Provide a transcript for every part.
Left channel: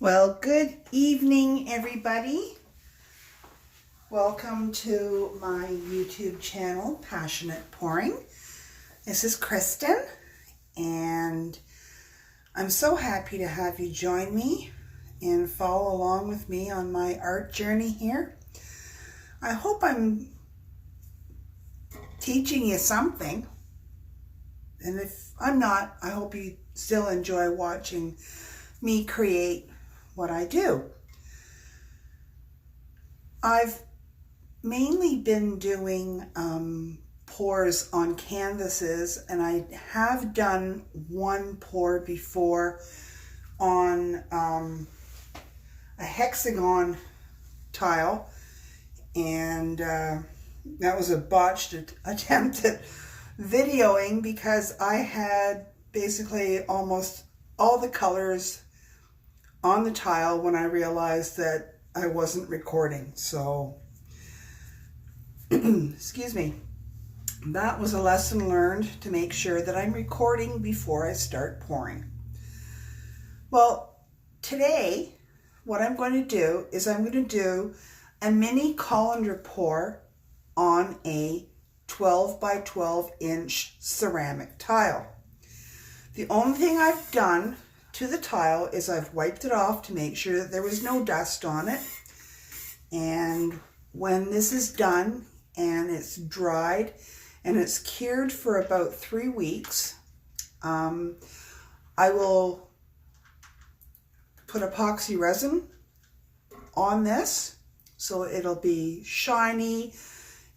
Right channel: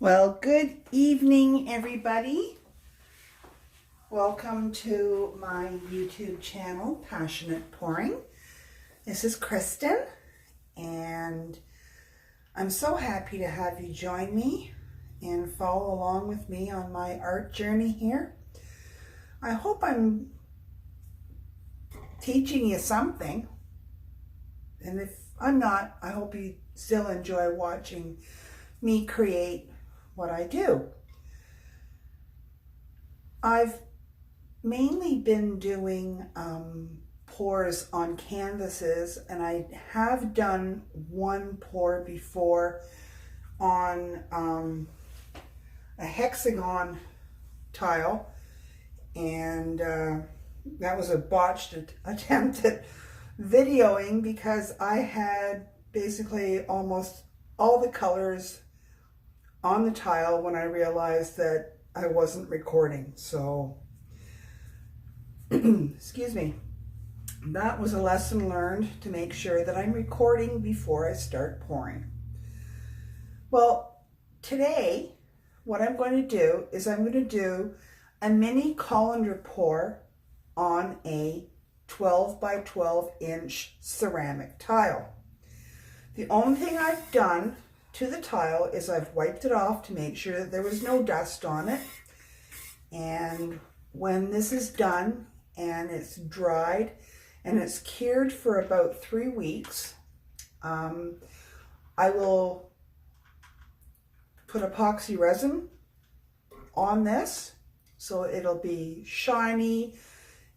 Well, good evening, everybody. Welcome to my YouTube channel, Passionate Pouring. This is Kristen, and I'm so happy to have you join me and follow along with me on my art journey here. I hope I'm teaching you something, and if I'm not, I hope you still enjoy watching me create what I do. I've mainly been doing pours on canvases, and I have done one pour before on a hexagon tile, and that was a botched attempt at videoing because I had basically almost all the colors on the tile when I realized that I wasn't recording. So, excuse me. That was a lesson learned, to make sure that I'm recording before I start pouring. Well, today, what I'm going to do is I'm going to do a mini colander pour on a 12 by 12 inch ceramic tile. The only thing I've done to the tile is I've wiped it off to make sure that there was no dust on it. And when this is done and it's dried and it's cured for about 3 weeks, I will put epoxy resin on this so it'll be shiny,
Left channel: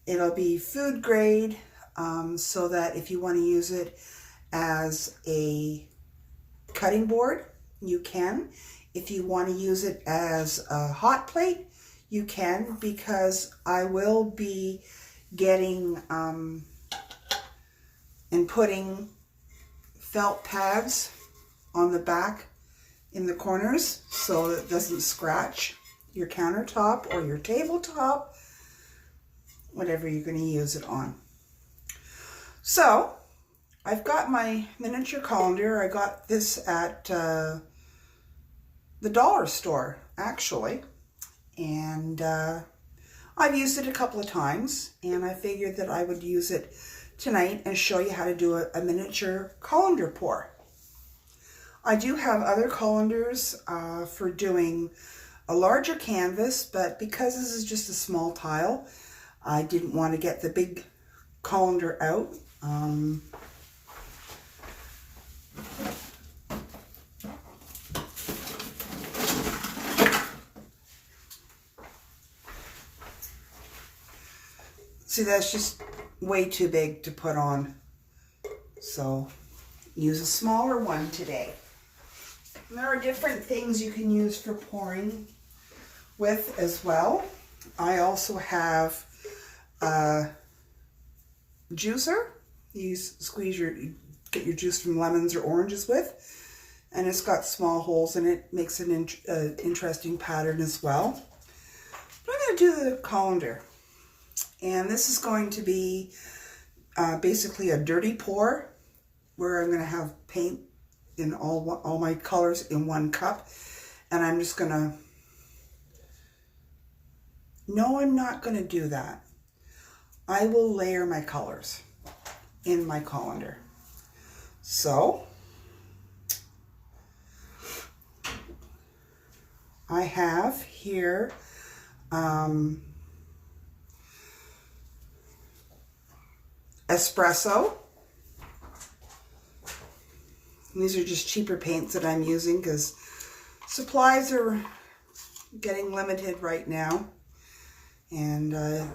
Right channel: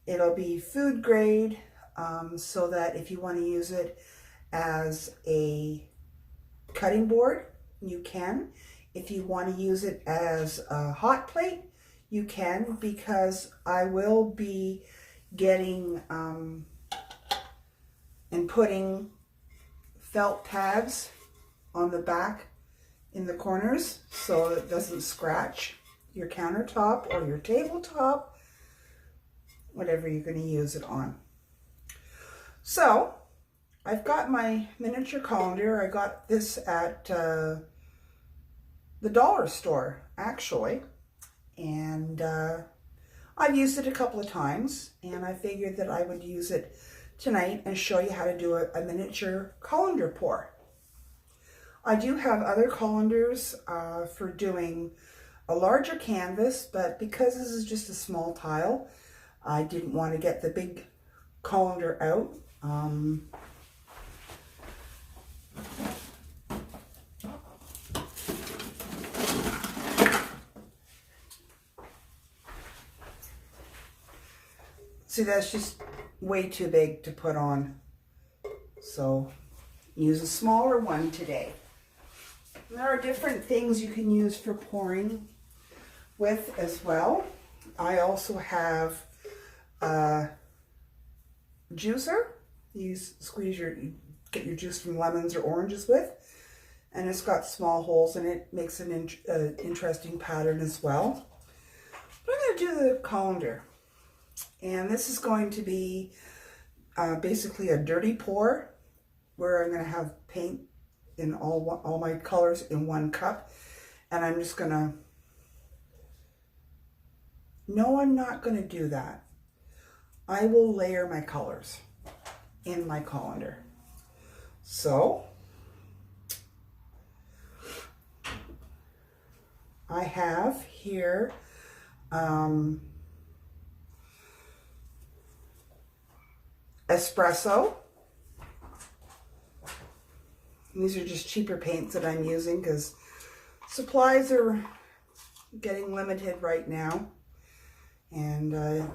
it'll be food grade, so that if you want to use it as a cutting board, you can. If you want to use it as a hot plate, you can, because I will be getting and putting felt pads on the back in the corners so that it doesn't scratch your countertop or your tabletop, whatever you're going to use it on. So I've got my miniature colander. I got this at the dollar store, actually, and I've used it a couple of times, and I figured that I would use it tonight and show you how to do a miniature colander pour. I do have other colanders for doing a larger canvas, but because this is just a small tile, I didn't want to get the big colander out. See, that's just way too big to put on, so use a smaller one today. And there are different things you can use for pouring with as well. I also have a juicer. You get your juice from lemons or oranges with, and it's got small holes in it. Makes an interesting pattern as well. But I'm going to do the colander. And this is going to be basically a dirty pour, where I'm going to have paint in all my colors in one cup. And I'm just going to... No, I'm not going to do that. I will layer my colors in my colander. So I have here espresso. These are just cheaper paints that I'm using because supplies are getting limited right now, and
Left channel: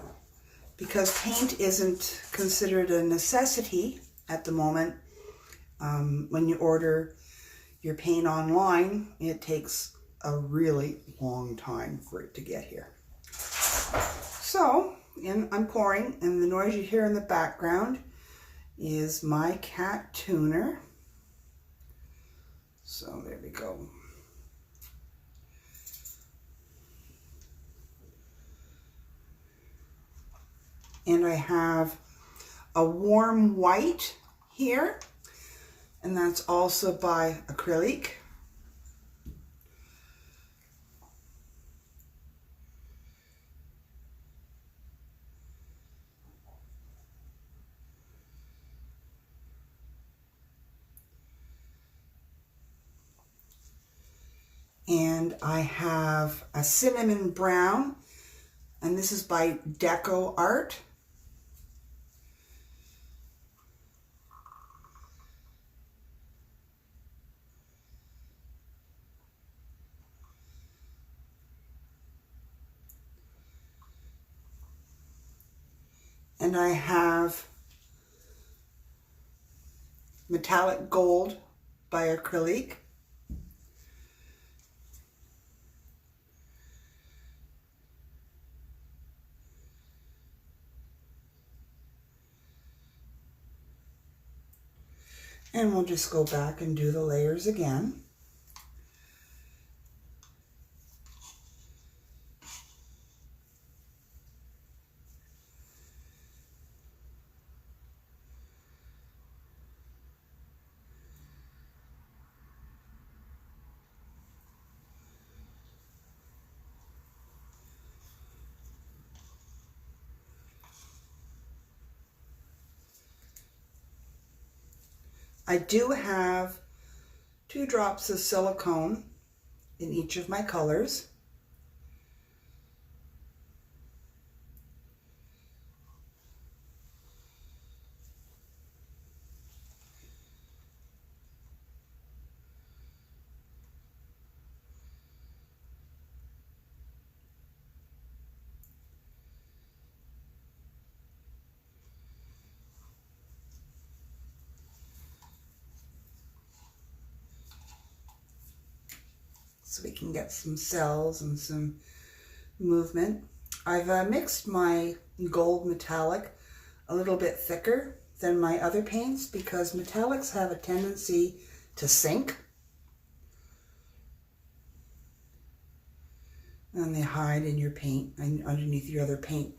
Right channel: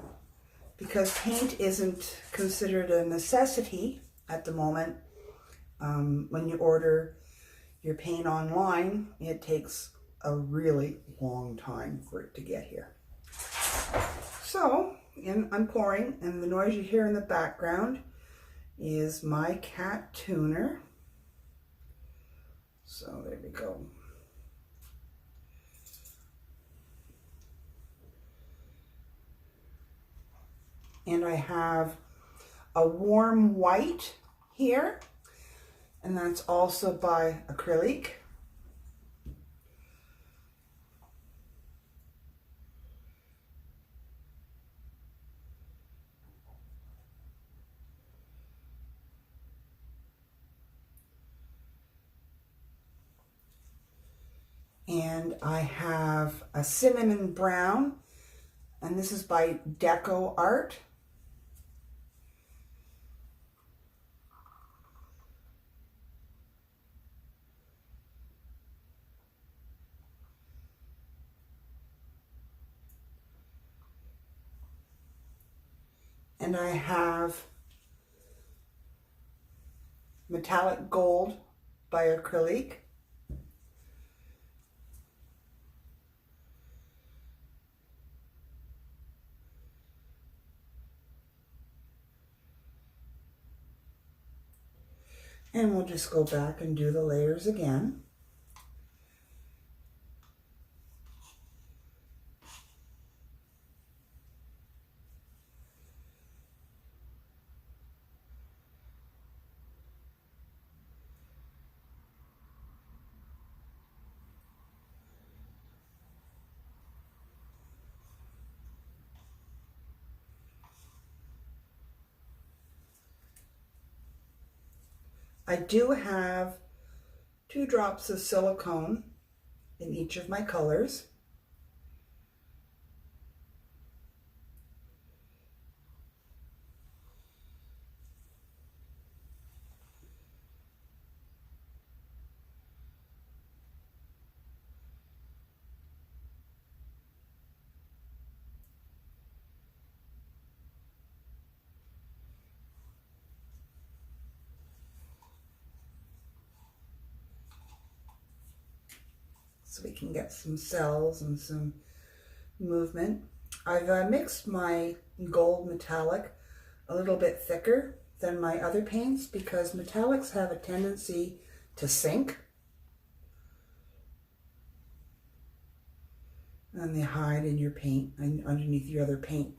because paint isn't considered a necessity at the moment, when you order your paint online, it takes a really long time for it to get here. So I'm pouring, and the noise you hear in the background is my cat tuner. So there we go. And I have a warm white here, and that's also by Acrylic. And I have a cinnamon brown, and this is by Deco Art. And I have metallic gold by Acrylic. And we'll just go back and do the layers again. I do have 2 drops of silicone in each of my colors. So we can get some cells and some movement. I've mixed my gold metallic a little bit thicker than my other paints because metallics have a tendency to sink and they hide in your paint and underneath your other paint.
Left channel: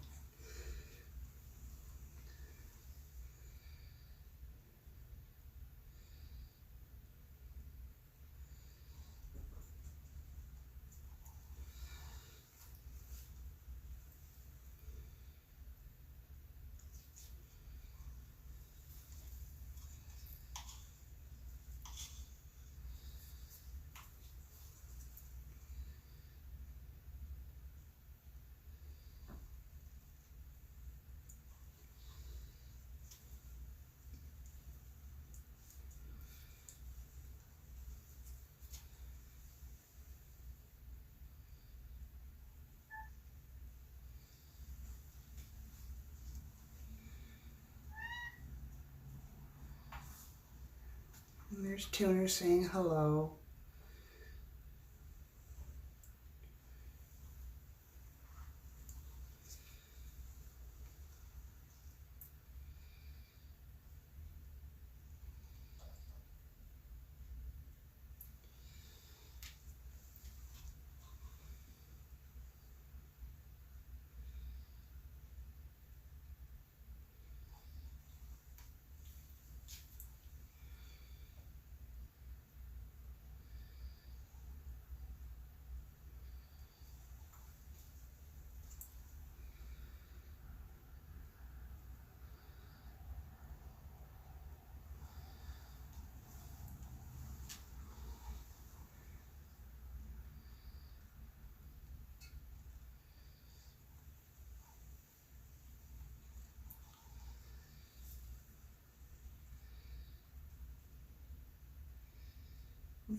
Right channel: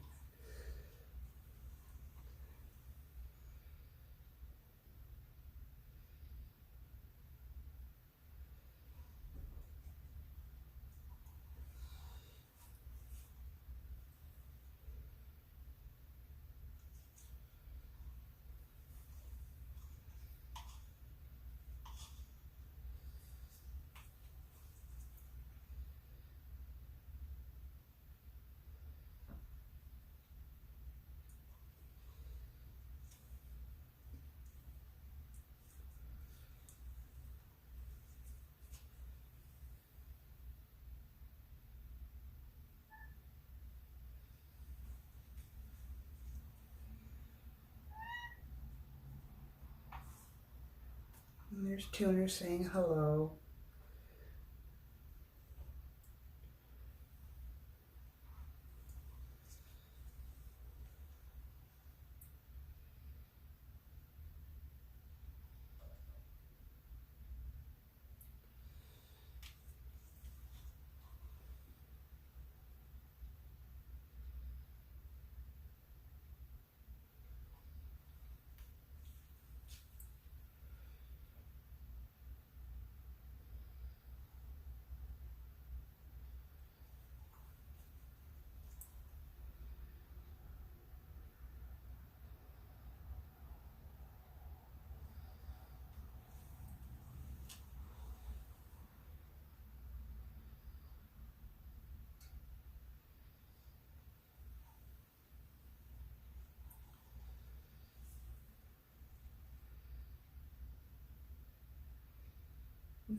And there's Tuner saying hello.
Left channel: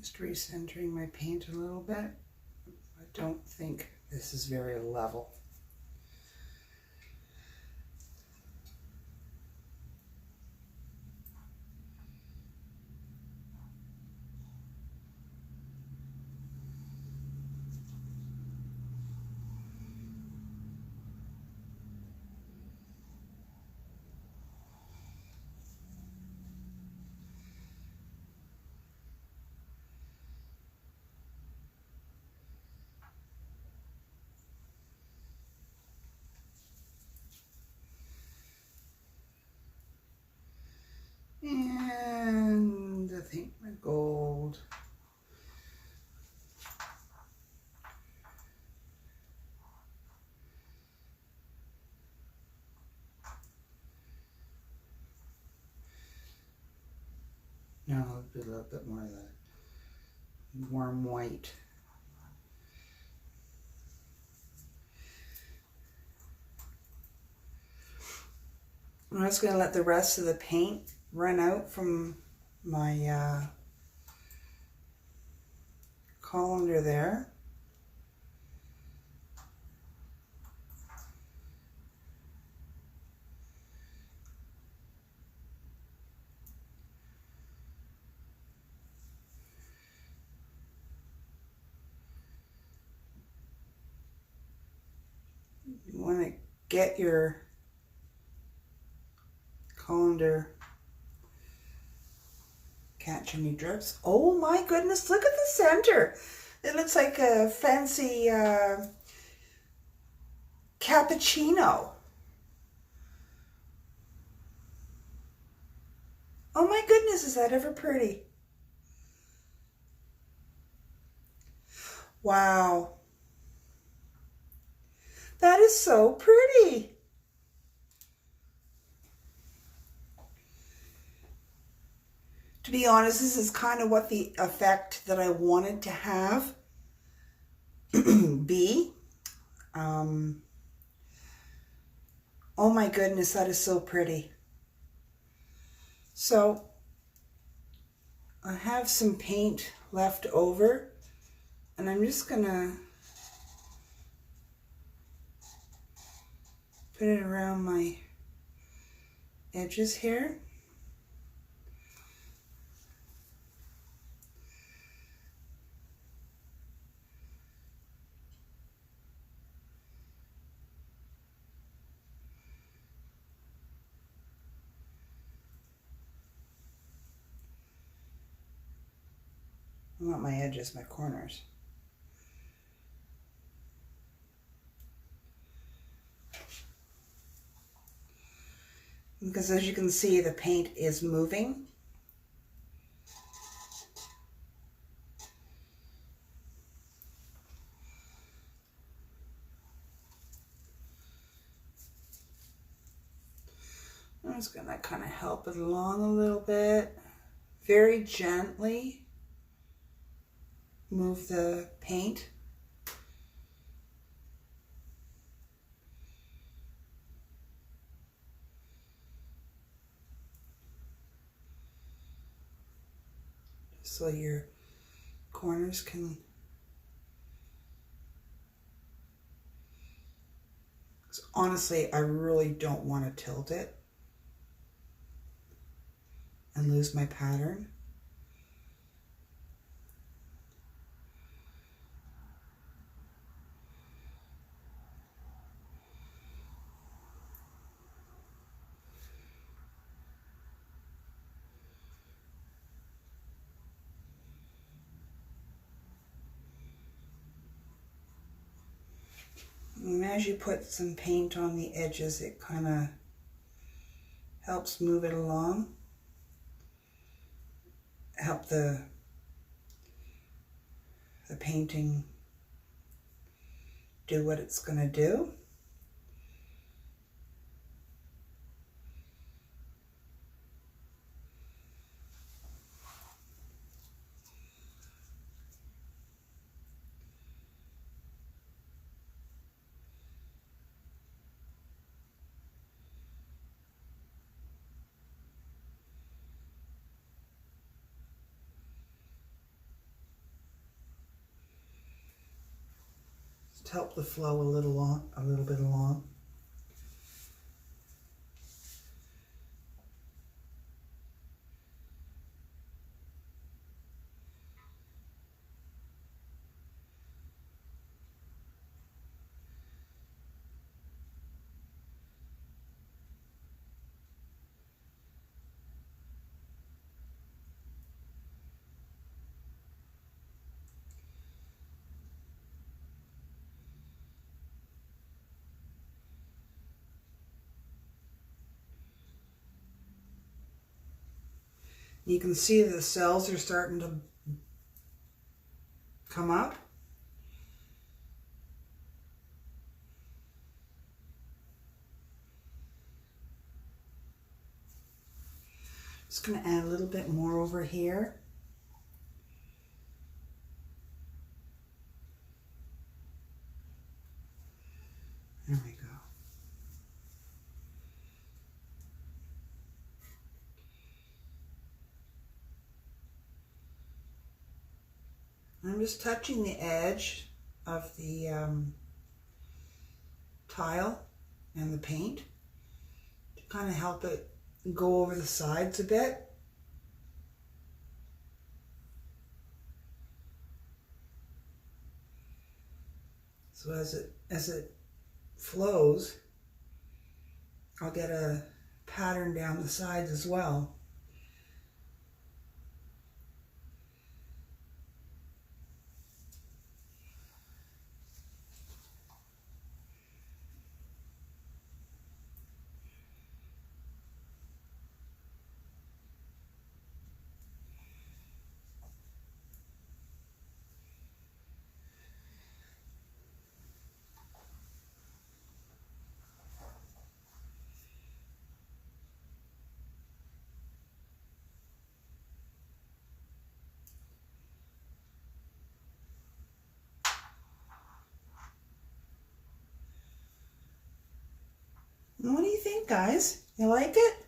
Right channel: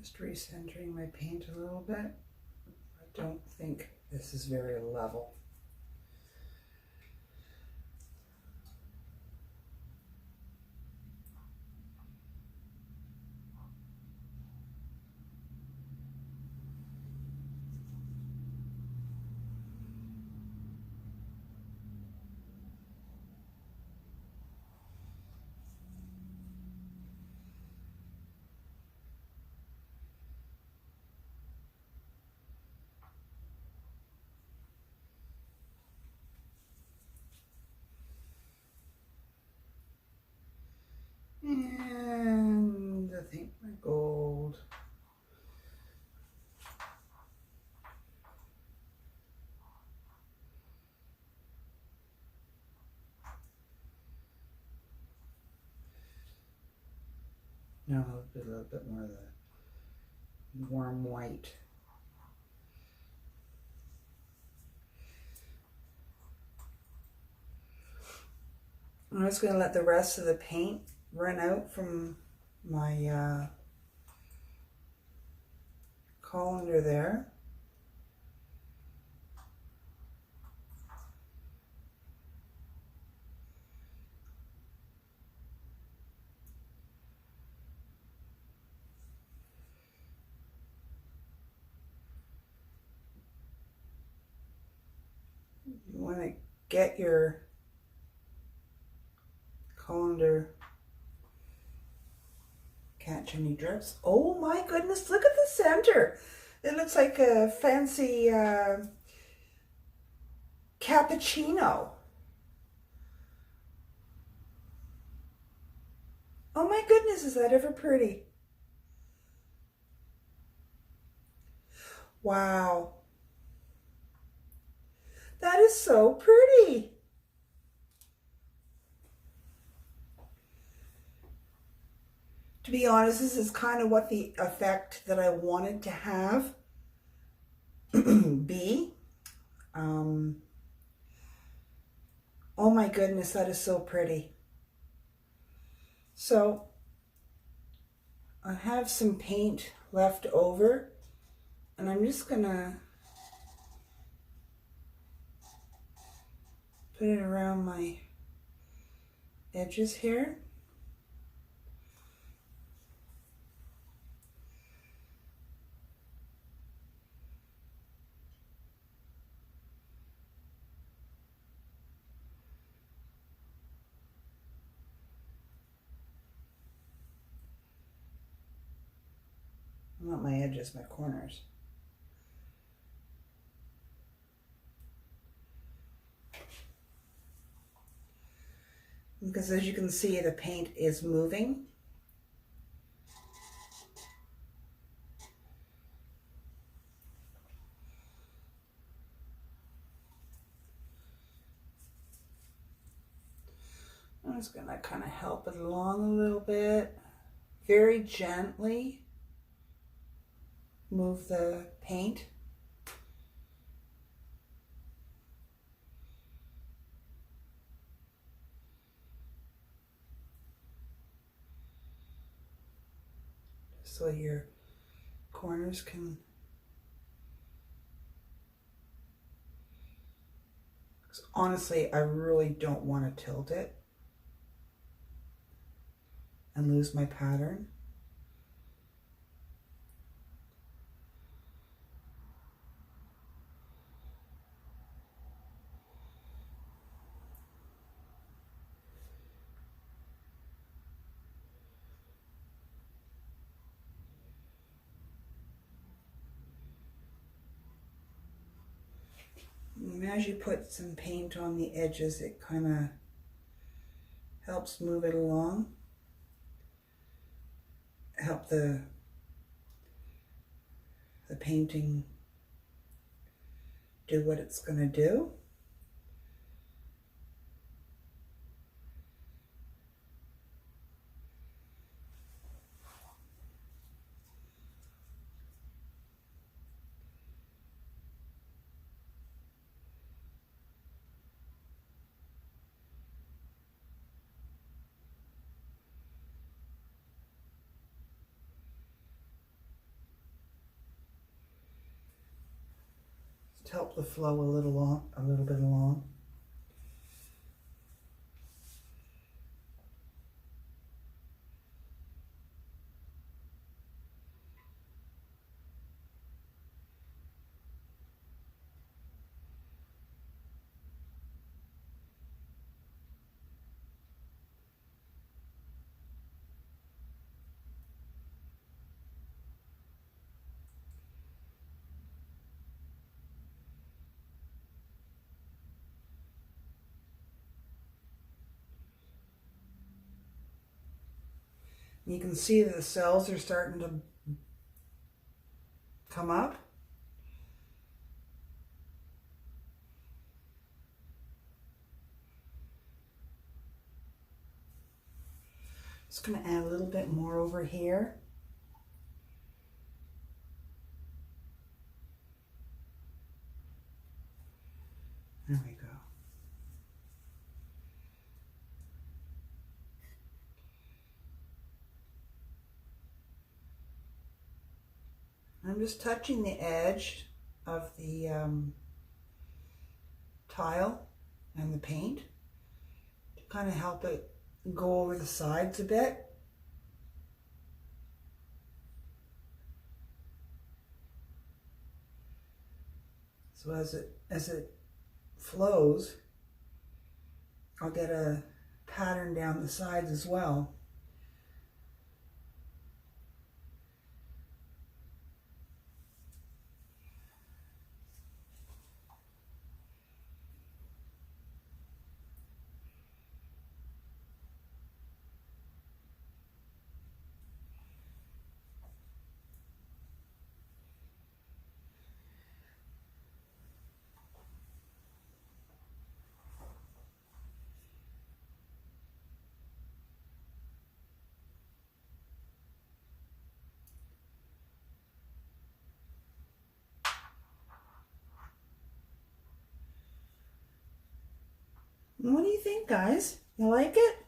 Just recentering my paint a little bit. I don't think this is very level. And I think my gold. Now a little bit more of the warm white I'm just going to let the rest of the paint run out from my colander there. You want to get your colander catch any drips. Oh my goodness, look at the center. It looks like a fancy cappuccino. Oh my goodness, is that ever pretty? Wow. That is so pretty. To be honest, this is kind of what the effect that I wanted to have be. Oh my goodness, that is so pretty. So I have some paint left over, and I'm just gonna put it around my edges here. Not my edges, my corners. Because as you can see, the paint is moving. I'm just gonna kind of help it along a little bit. Very gently move the paint. So your corners can, honestly, I really don't want to tilt it and lose my pattern. And as you put some paint on the edges, it kind of helps move it along. Help the painting do what it's going to do. To help the flow a little bit along. You can see that the cells are starting to come up. Just going to add a little bit more over here. There we go. I'm just touching the edge of the tile and the paint to kind of help it go over the sides a bit. So as it flows, I'll get a pattern down the sides as well. What do you think, guys? You like it?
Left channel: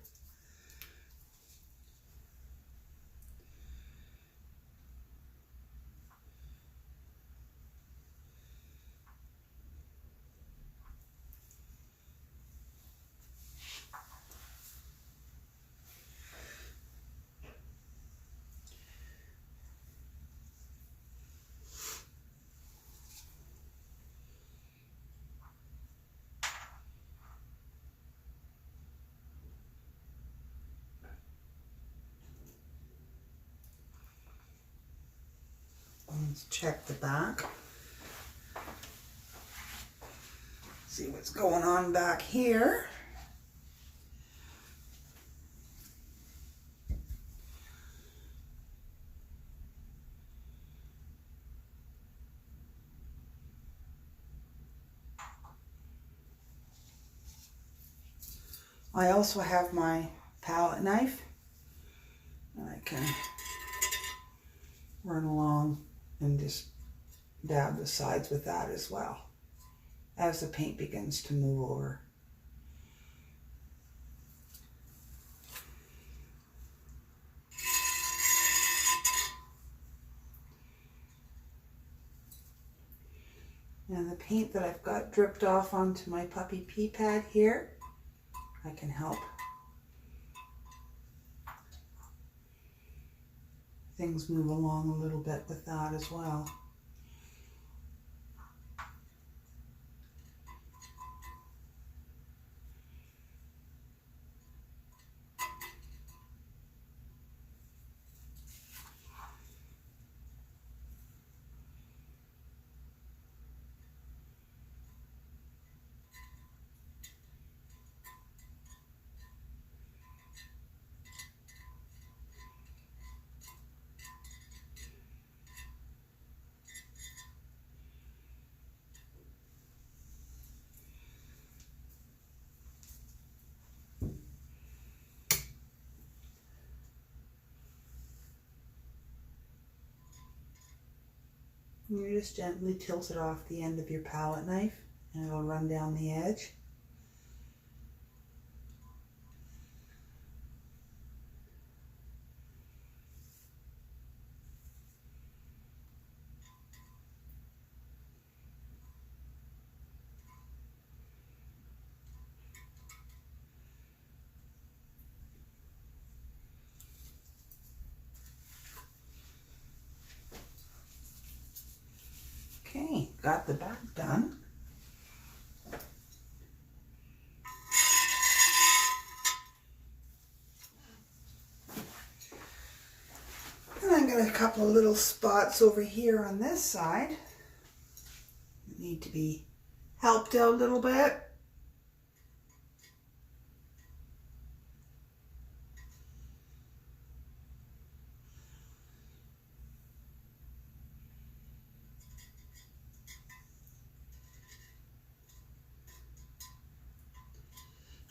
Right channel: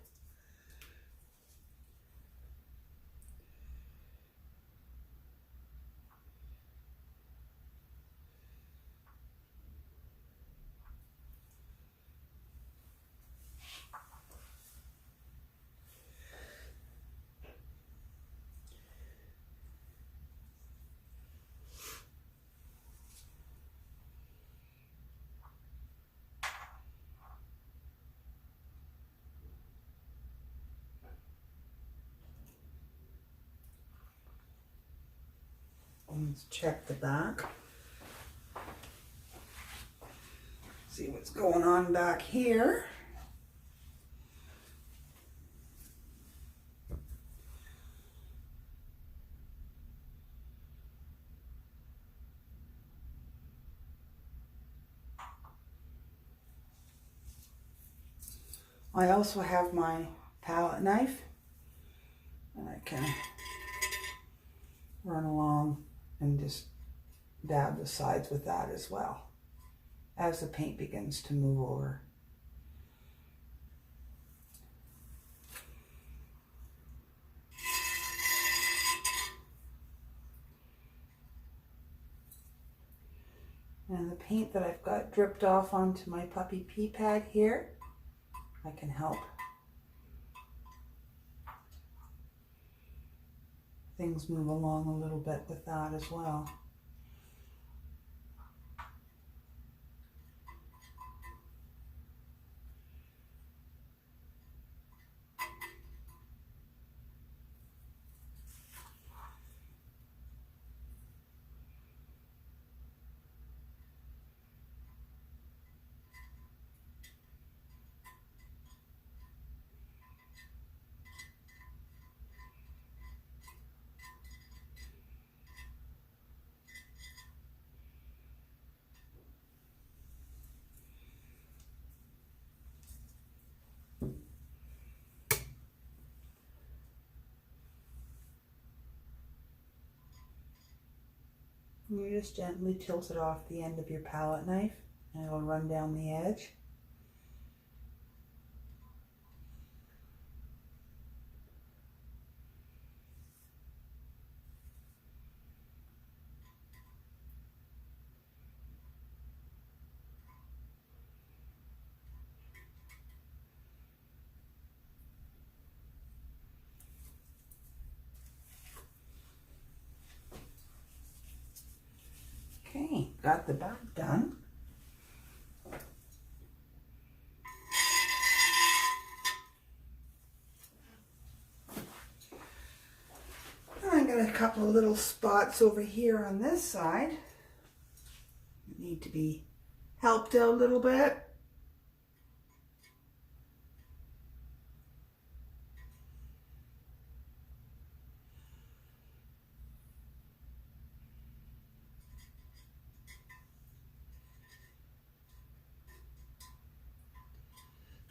Let's check the back. See what's going on back here. I also have my palette knife, and I can run along and just dab the sides with that as well as the paint begins to move over. And the paint that I've got dripped off onto my puppy pea pad here, I can help things move along a little bit with that as well. You just gently tilt it off the end of your palette knife and it'll run down the edge. Okay, got the back done. And I've got a couple of little spots over here on this side that need to be helped out a little bit.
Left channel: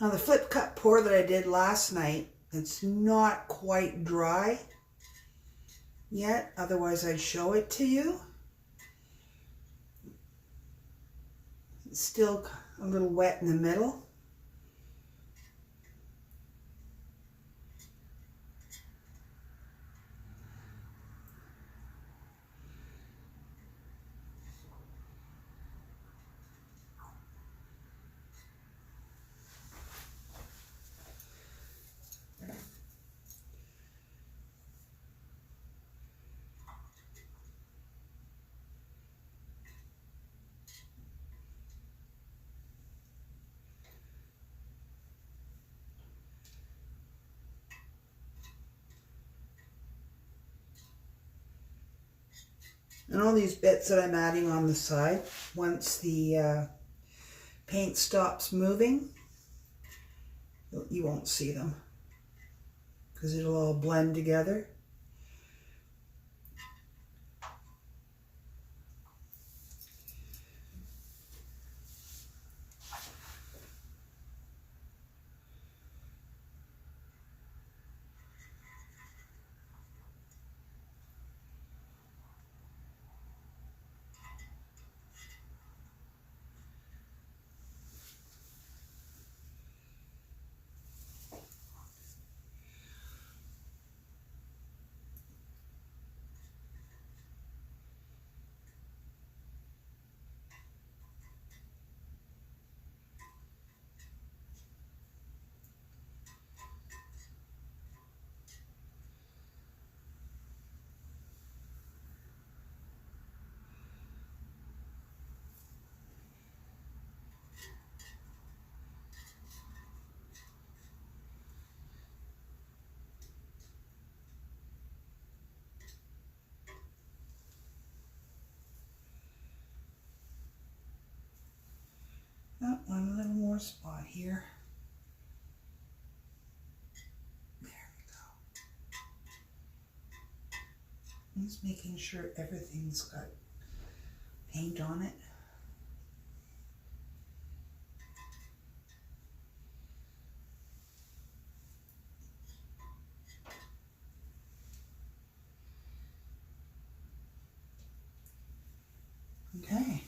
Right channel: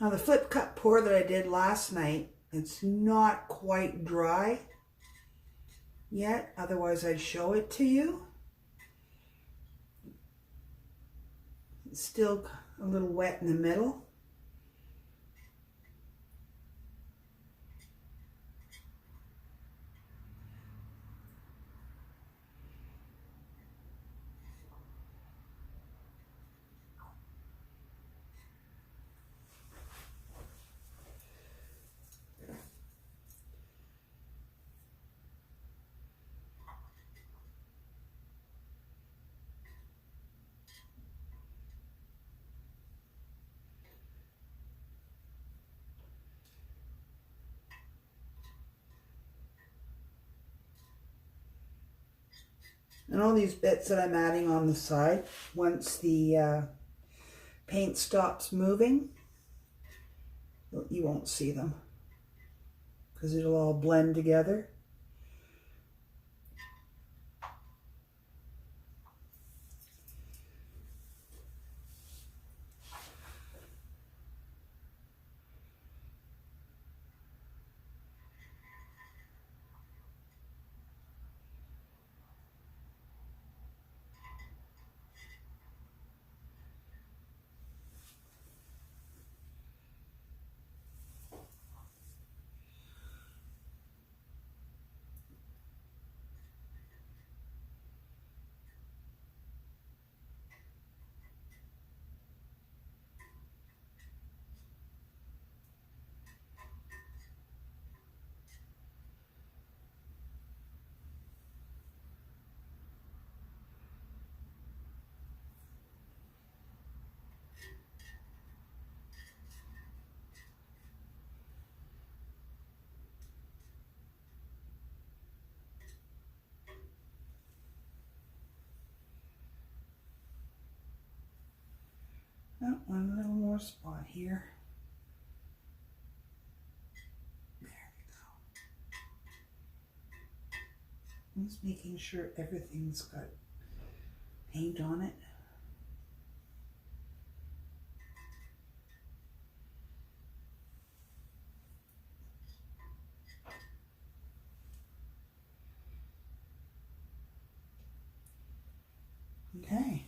Now the flip cut pour that I did last night, it's not quite dry yet, otherwise I'd show it to you. It's still a little wet in the middle. And all these bits that I'm adding on the side, once the paint stops moving, you won't see them because it'll all blend together. Oh, one little more spot here. There we go. I'm just making sure everything's got paint on it. Okay.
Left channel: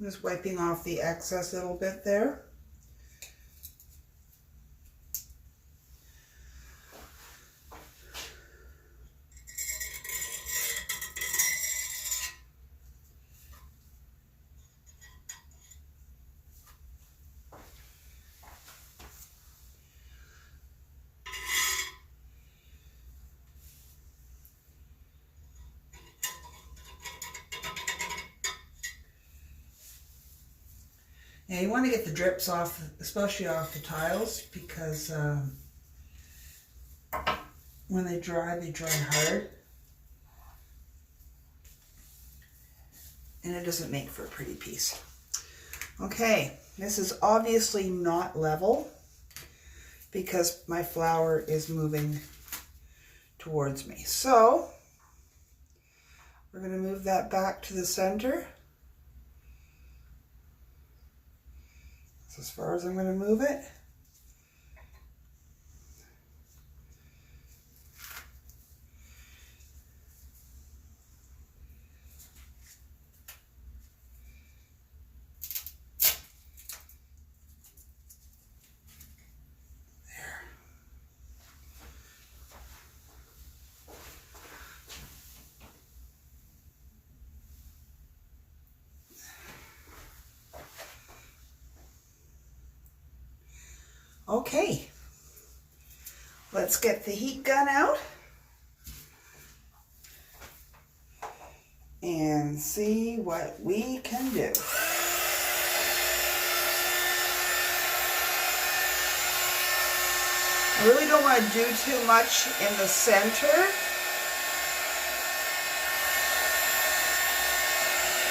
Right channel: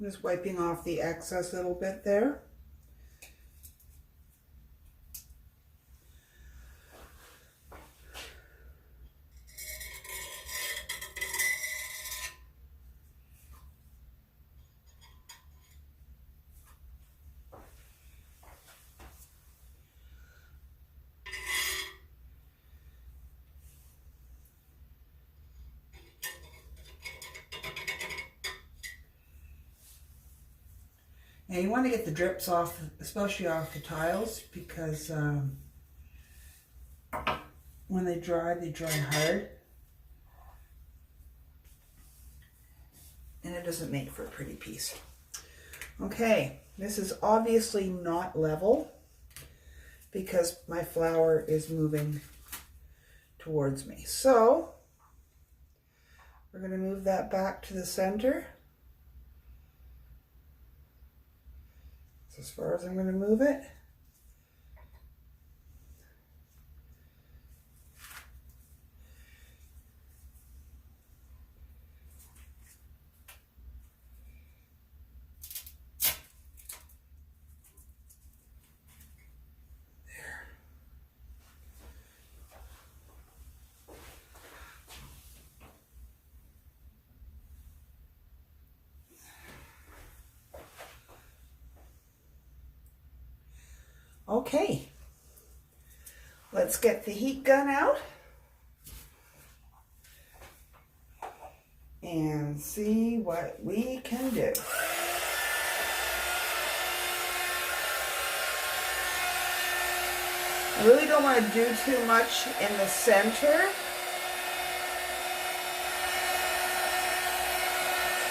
I'm just wiping off the excess a little bit there. Now you want to get the drips off, especially off the tiles, because when they dry hard. And it doesn't make for a pretty piece. Okay, this is obviously not level because my flour is moving towards me. So we're going to move that back to the center. That's as far as I'm going to move it. Okay, let's get the heat gun out and see what we can do. I really don't want to do too much in the center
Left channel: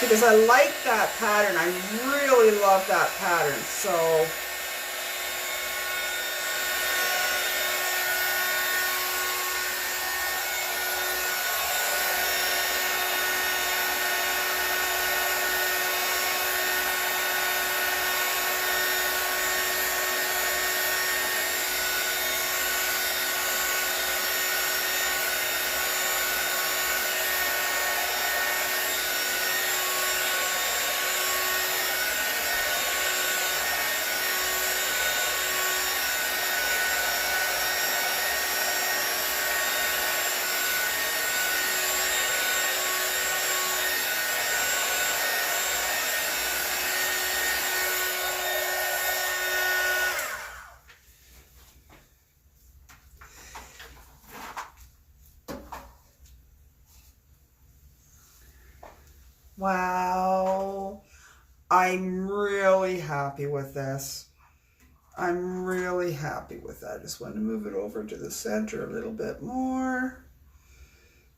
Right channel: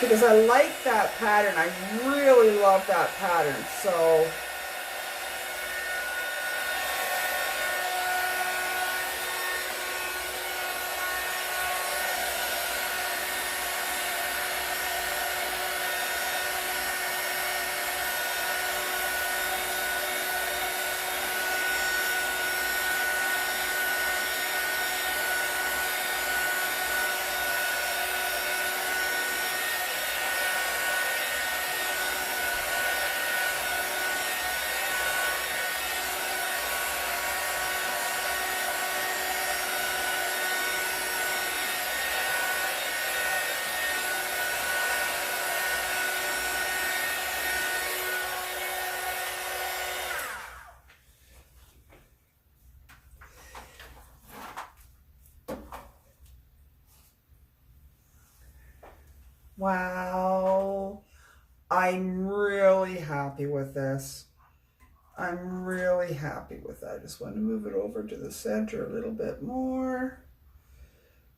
because I like that pattern. I really love that pattern. So Wow. I'm really happy with this. I'm really happy with that. I just want to move it over to the center a little bit more.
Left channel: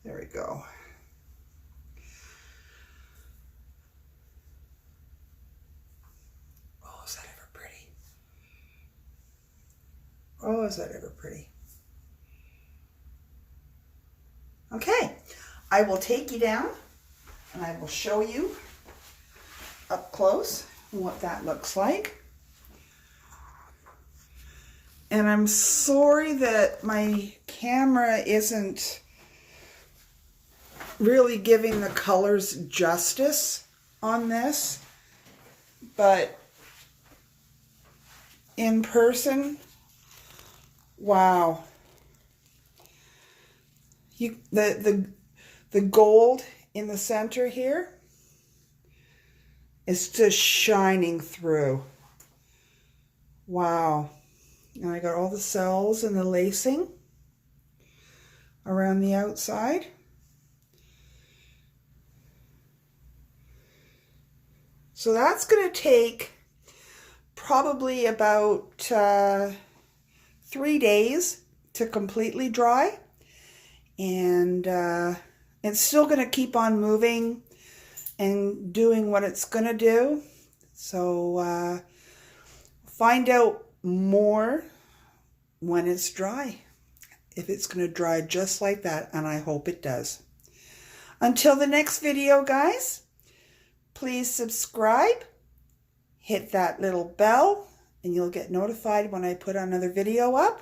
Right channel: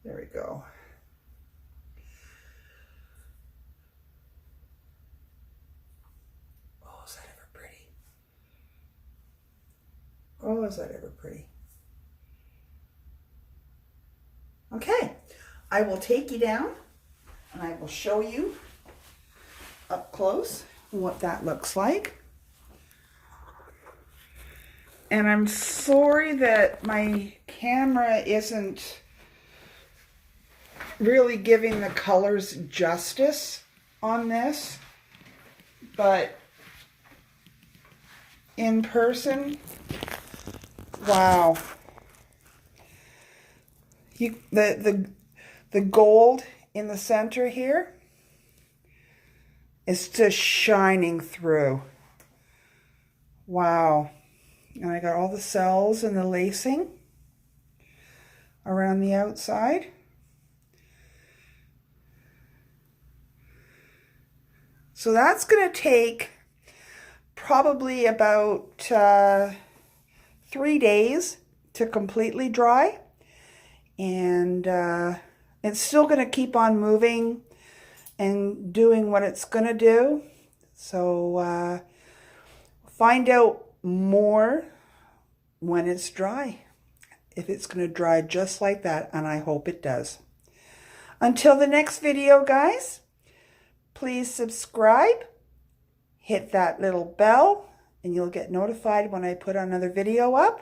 There we go. Oh, is that ever pretty? Oh, is that ever pretty? Okay, I will take you down and I will show you up close what that looks like. And I'm sorry that my camera isn't really giving the colors justice on this, but in person, wow. The gold in the center here is just shining through. Wow. And I got all the cells and the lacing around the outside. So that's going to take probably about 3 days to completely dry. And it's still going to keep on moving and doing what it's going to do. So find out more when it's dry, if it's going to dry just like that, and I hope it does. Until the next video, guys, please subscribe, hit that little bell, and you'll get notified when I put another video up.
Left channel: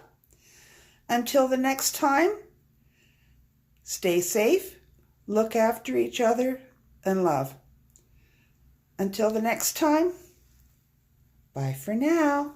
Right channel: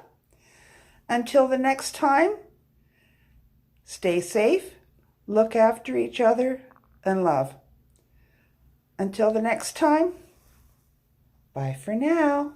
Until the next time, stay safe, look after each other, and love. Until the next time, bye for now.